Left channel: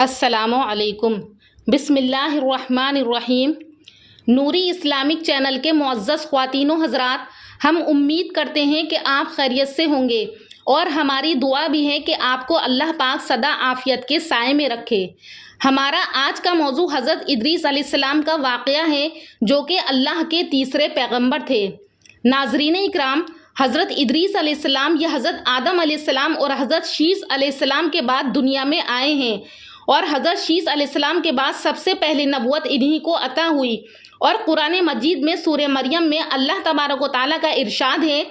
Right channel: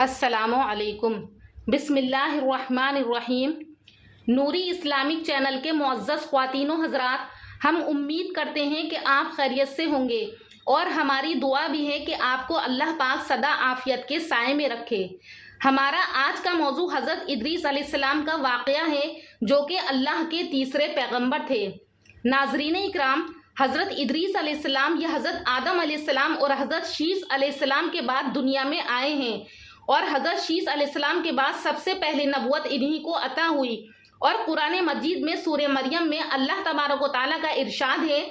السلام علیکم۔ بسم اللہ الرحمن الرحیم۔ نوری اسلامک چینل کے معزز خواتین و حضرات، ہم امید کرتے ہیں کہ آپ خیریت سے ہوں گے اور ہماری دعا بھی ہے کہ آپ کو اللہ پاک سدا عافیت کے سائے میں رکھے۔ ہمارا آج کا موضوع حضرت ادریس علیہ السلام کا واقعہ ہے، جو کہ اللہ کے تیسرے پیغمبر تھے۔ ناظرین اکرام، حضرت ادریس علیہ السلام یہ حضرت آدم علیہ السلام اور حضرت شیث علیہ السلام کے بعد دنیا میں آئے ہیں، اور حضرت شیث علیہ السلام کے بعد سب سے پہلے نبوت انہی کو عطا ہوئی۔ اور قرآن مجید میں سورہ مریم میں اللہ تبارک و تعالیٰ کا ارشاد ہے،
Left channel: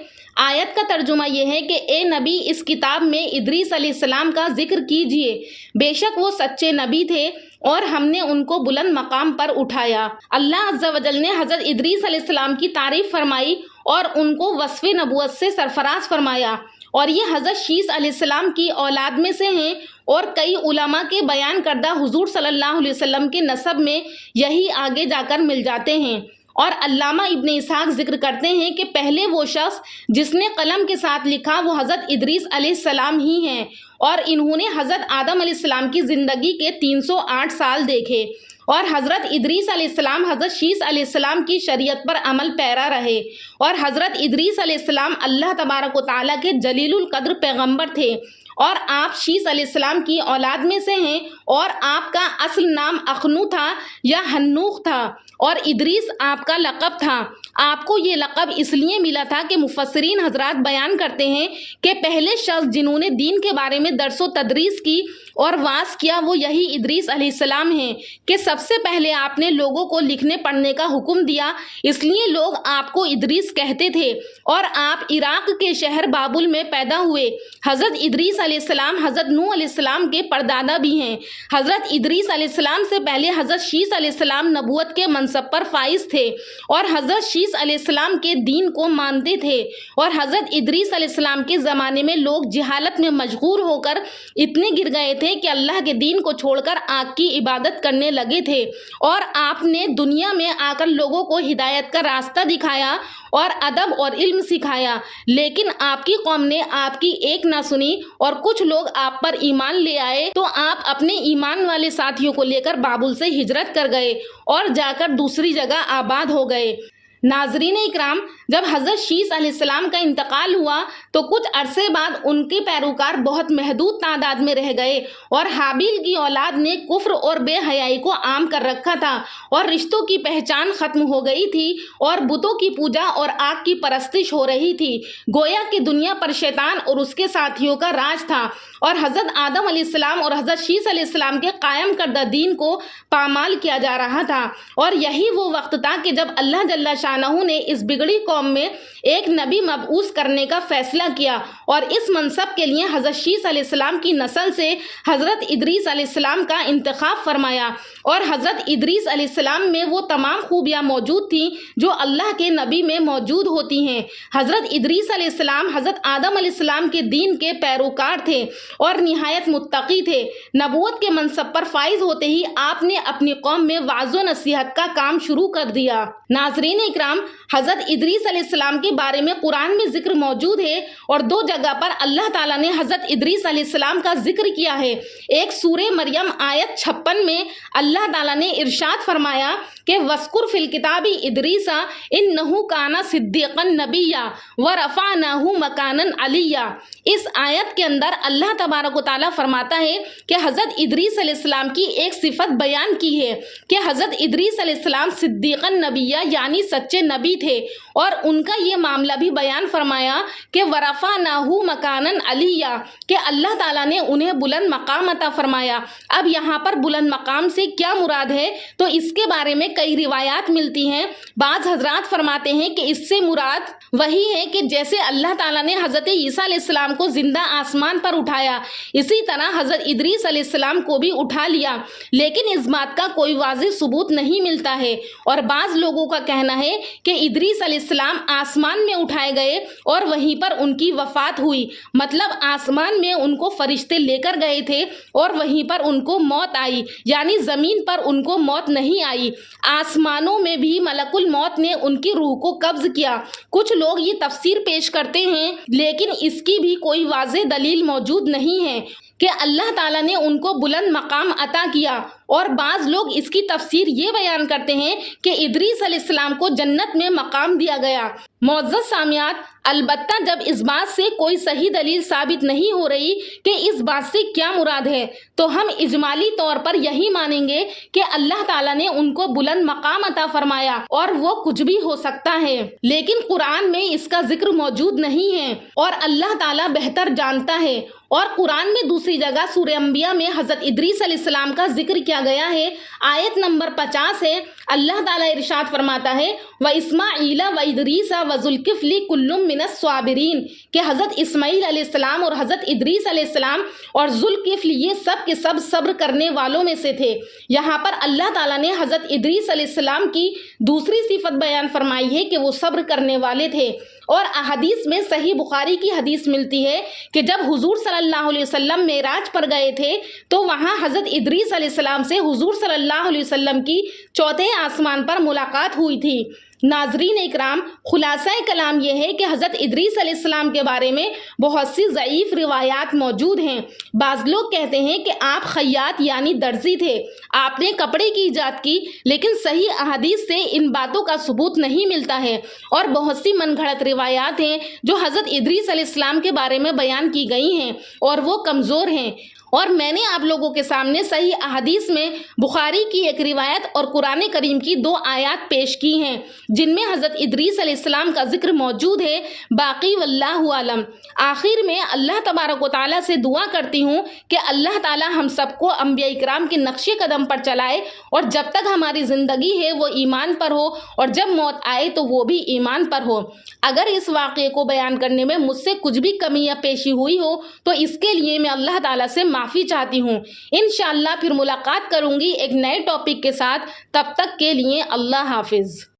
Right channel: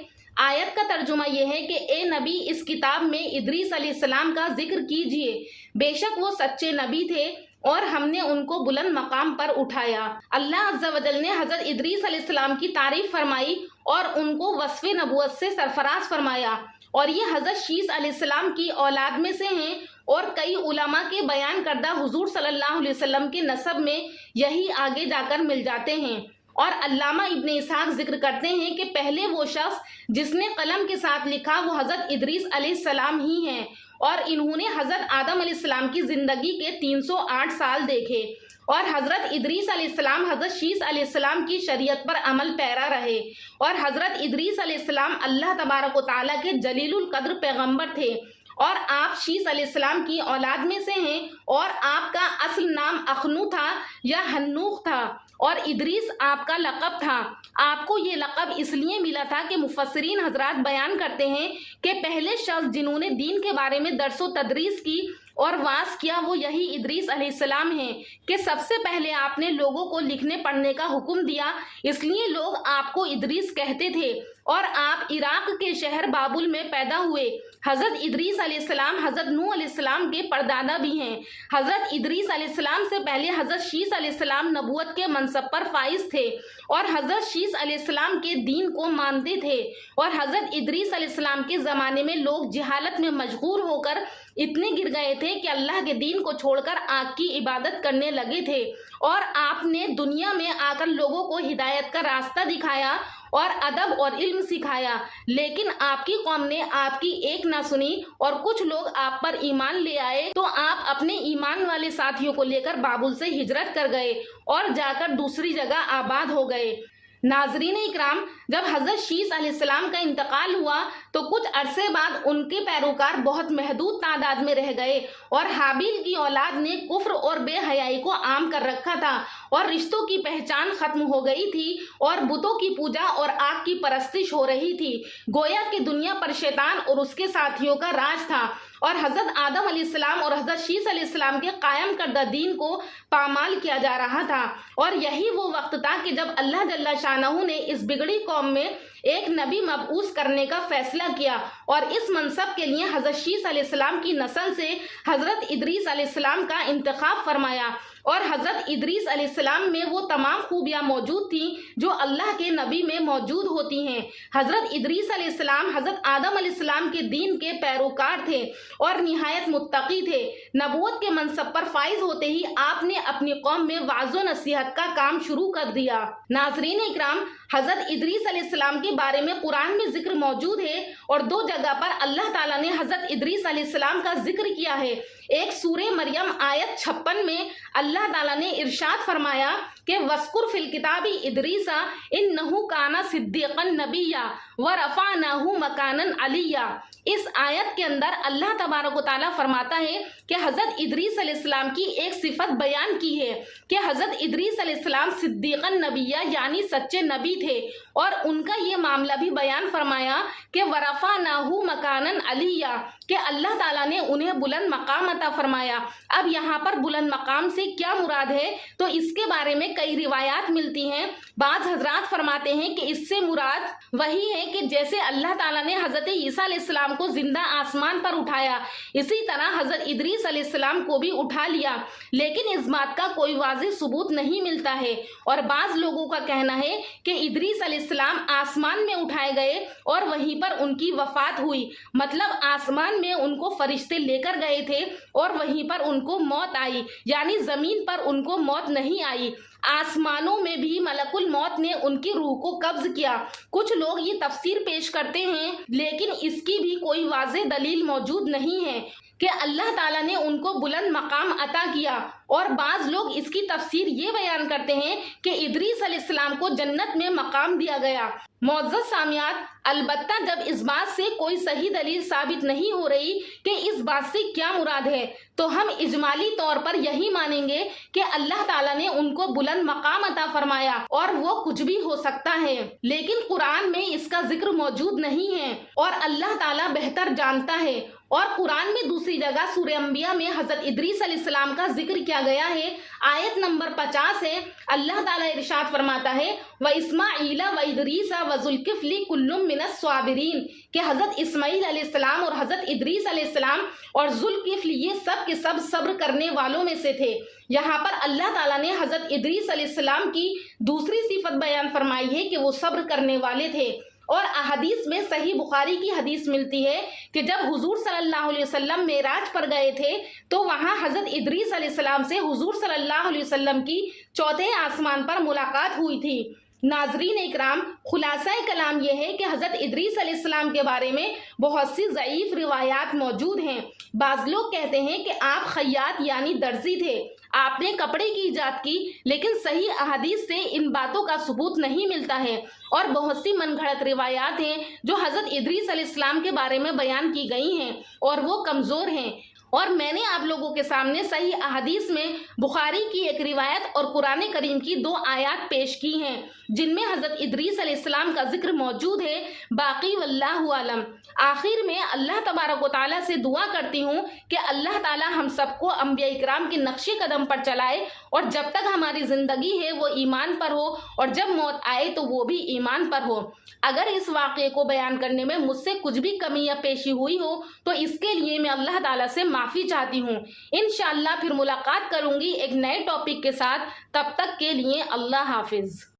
آیت کا ترجمہ یہ ہے کہ اے نبی، اس کتاب میں ادریس علیہ السلام کا ذکر کیجئے، بے شک وہ سچے نبی تھے اور ہم نے ان کو بلند مقام پر اٹھایا۔ اللہ عز و جل نے حضرت ادریس علیہ السلام کی تعریف فرمائی اور ان کو وصف نبوت سے سرفراز فرمایا، اور یہ حضرت شیث علیہ السلام کی اولاد میں سے ہیں، اور کئی علماء کے بیان کردہ حضور صلی اللہ علیہ وسلم کے نسب میں یہی آگے جا کر مل جاتے ہیں۔ اور علامہ ابن اسحاق ذکر کرتے ہیں کہ پہلے وہ شخص جس نے قلم کے ساتھ لکھا وہ حضرت ادریس علیہ السلام ہی ہیں، اور انہوں نے حضرت آدم علیہ السلام کی زندگی کے 308 سال دیکھے، اور حضرت ادریس علیہ السلام حضرت شیث علیہ السلام کی شریعت پر عمل پیرا رہے، اور حضرت ادریس علیہ السلام اللہ تبارک و تعالیٰ کے جلیل القدر پیغمبر تھے، اور آپ شیث علیہ السلام کی اولاد میں سے ہیں، اور آپ کا اصل نام اخنو تھا یا ہنوخ تھا، اور ادریس آپ کا لقب تھا۔ آپ کو یہ لقب اس لیے ملا تھا کہ مفسرین حضرات بیان کرتے ہیں کہ پہلے شخص جنہوں نے دین کے بارے میں درس و تدریس کی اور واعظ کیا وہ یہی ادریس علیہ السلام ہیں، کہ سب سے پہلے آپ نے لوگوں کو لکھنے پڑھنے کا حکم دیا، اس لیے لوگ آپ کو ادریس کہتے تھے، اور آپ عراق کے شہر بابل میں پیدا ہوئے۔ حضرت ادریس علیہ السلام حضرت نوح علیہ السلام کے پردادا بھی ہیں۔ حضرت ادریس علیہ السلام سے پہلے حضرت شیث علیہ السلام نبوت کے منصب پر فائز تھے، اور حضرت شیث علیہ السلام کے دین کو مانتے تھے، اور حضرت ادریس علیہ السلام کے زمانے میں لوگ جہالت میں مشغول ہو کر اتنے گر گئے تھے کہ اللہ کے دین کو چھوڑ کر آگ کی عبادت کرنے لگے تھے، اور آپ نے دنیا میں آ کر لوگوں کو ہدایت کا راستہ دکھایا اور ادب اور علم سکھایا، لیکن آپ کی قوم نے آپ کی ایک نہ سنی، اور کچھ لوگ آپ پر ایمان لے آئے تو آپ اپنے ایمان والے ساتھیوں کو لے کر بابل سے ہجرت کر گئے اور جا کر دوسری جگہ آباد ہو گئے۔ ناظرین اکرام، جب حضرت شیث علیہ السلام کا انتقال ہوا تو کچھ عرصے بعد ان کے پیروکار بہت محدود تعداد میں رہ گئے، اور حابیل کی اولاد نے کفر اور بے حیائی کو عام کر رکھا تھا، اور رشتوں کی پہچان ختم ہو گئی تھی، اور بتوں کی پوجا اور آگ کی پرستش ہو رہی تھی، گویا کہ دنیا پر شیطان اور اس کے ساتھیوں کا راج تھا، اور حضرت آدم علیہ السلام اور حضرت شیث علیہ السلام کے قائم کردہ دین کو پامال کیا جا رہا تھا۔ اور یہی وہ وقت تھا کہ جب اللہ جل شانہ نے اس بگڑی قوم میں ایک نبی مبعوث کرنے کا فیصلہ کیا، اور اس منصب کے لیے حضرت شیث علیہ السلام کی نسل سے حضرت ادریس علیہ السلام کا انتخاب فرمایا، اور حضرت ادریس علیہ السلام میں وہ تمام خوبیاں موجود تھیں جو اللہ کے نبی میں موجود ہوتی ہیں۔ حضرت ادریس علیہ السلام حضرت آدم علیہ السلام کے دین کے پیروکار تھے اور نہایت متقی تھے۔ نبوت کے منصب پر فائز ہوتے ہی آپ نے اپنی قوم میں وعظ و نصیحت کا کام شروع کر دیا۔ ناظرین اکرام، حضرت ادریس علیہ السلام کے بارے میں قرآن میں ذکر موجود ہے، اور دو جگہ پر اللہ تعالیٰ نے حضرت ادریس علیہ السلام کا ذکر کیا ہے۔ ایک سورہ مریم آیت 56 میں اللہ تعالیٰ نے ارشاد فرمایا کہ وَاذْكُرْ فِي الْكِتَابِ إِدْرِيسَ إِنَّهُ كَانَ صِدِّيقًا نَبِيًّا وَرَفَعْنَاهُ مَكَانًا عَلِيًّا۔ اس آیت کے اندر اللہ تبارک و تعالیٰ فرماتا ہے کہ حضرت ادریس علیہ السلام کی ایک صفت بیان کی ہے کہ حضرت ادریس علیہ السلام صدیقاً نبیہ یعنی سچے نبی تھے، اور ان کا یہ معاملہ بھی بیان فرمایا کہ وَرَفَعْنَاهُ مَكَانًا عَلِيًّا، کہ اللہ تعالیٰ نے انہیں بلند مقام عطا فرمایا۔ اب یہاں پر بلند مقام سے کیا مراد ہے تو اس کے بارے میں کئی روایات ملتی ہیں۔ بعض حضرات فرماتے ہیں کہ اس سے مراد وہی ہے کہ جیسے اللہ تعالیٰ نے حضرت عیسیٰ علیہ السلام کو زندہ آسمان پر اٹھایا، اسی طرح حضرت ادریس علیہ السلام کو بھی اٹھا لیا، لیکن اس بات کا کوئی واضح ثبوت نہیں ملتا ہے۔ اور بعض لوگوں کا کہنا ہے کہ ادریس علیہ السلام آسمان میں اٹھائے گئے اور وہیں پر ان کی وفات ہوئی، مطلب آسمان میں ان کو فرشتے لے کر گئے تھے اور وہیں پر ان کو موت آئی، یعنی زمین پر ان کو موت نہیں آئی، آسمانوں میں بھی ملک الموت نے ان کی روح کو قبض کیا۔ کچھ لوگ یہ تفسیر پیش کرتے ہیں، لیکن اس کی بھی کوئی واضح دلیل موجود نہیں ہے، کہ اللہ تعالیٰ نے ان کو بلند مقام عطا کیا، اور بعض لوگ اس کی تفسیر یہ بیان کرتے ہیں کہ ادریس علیہ السلام کو جنت میں مقام دیا گیا۔ معزز سامعات، البتہ جب اس بات سے کوئی صحیح دلیل ثابت نہیں ہو رہی کہ اس بات سے کیا مراد ہے، تو ہم اجمالی طور پر یہی مانیں گے کہ اللہ تعالیٰ نے ان کو بلند مقام عطا فرمایا اور وہ کچھ بھی ہو سکتا ہے، لیکن قرآن میں اس کا ذکر موجود نہیں ہے اور اللہ تعالیٰ بہتر جانتا ہے۔ اور قرآن میں دوسری جگہ سورہ انبیاء میں حضرت ادریس علیہ السلام کا ذکر کیا گیا ہے، آیت نمبر 50 ہے۔ اللہ تعالیٰ ارشاد فرماتا ہے وَإِسْمَاعِيلَ وَإِدْرِيسَ وَذُوالْكِفْلِ كُلٌّ مِّنَ الصَّابِرِينَ، کہ حضرت اسماعیل علیہ السلام اور حضرت ادریس علیہ السلام اور ذوالکفل یہ سب کے سب صبر کرنے والوں میں سے تھے۔ یہاں پر اللہ تعالیٰ نے حضرت ادریس علیہ السلام کی دوسری صفت بیان فرمائی ہے کہ وہ صبر کرنے والے تھے۔ اور احادیث میں صحیح بخاری کی حدیث ملتی ہے کہ جب حضور صلی اللہ علیہ وسلم معراج پر گئے تھے تو وہاں حضرت ادریس علیہ السلام سے حضور صلی اللہ علیہ وسلم کی چوتھے آسمان پر ملاقات ہوئی تھی۔ ناظرین اکرام، خلاصہ کلام یہ ہے کہ حضرت ادریس علیہ السلام کے بارے میں بہت سی ضعیف روایات موجود ہیں۔ بعض لوگ کہتے ہیں کہ آپ خیاط یعنی درزی تھے، آپ نے کپڑے کی ایجاد کی، لیکن صحیح احادیث سے ان باتوں کا ثبوت نہیں ملتا ہے، اور بہت سی من گھڑت روایات ہیں جو حضرت ادریس علیہ السلام کے بارے میں بیان کی گئی ہیں اور وہ کمزور ہیں۔ اور میں نے آپ لوگوں کے سامنے صحیح احادیث میں بخاری کی ایک روایت اور قرآن کریم کی 2 آیات پیش کی ہیں جن میں حضرت ادریس علیہ السلام کا ذکر موجود ہے، باقی واللہ عالم۔ آخر میں اللہ تبارک و تعالیٰ سے دعا کرتی ہوں کہ اللہ تعالیٰ ہم سب کو انبیاء اکرام کے نقش قدم پر چلائے، اور جب تک ہماری زندگی ہے وہ ایمان پر ہو، اور جب موت آئے تو وہ بھی ایمان پر ہو۔ اگر اس واقعے کو بیان کرنے میں مجھ سے کچھ بھی کمی یا پیشی ہوئی ہو تو اس کے لیے میں اللہ تعالیٰ سے معافی چاہتی ہوں۔ انشاءاللہ پھر ملاقات کروں گی ایک نئے ٹاپک کے ساتھ، تب تک کے لیے اللہ حافظ۔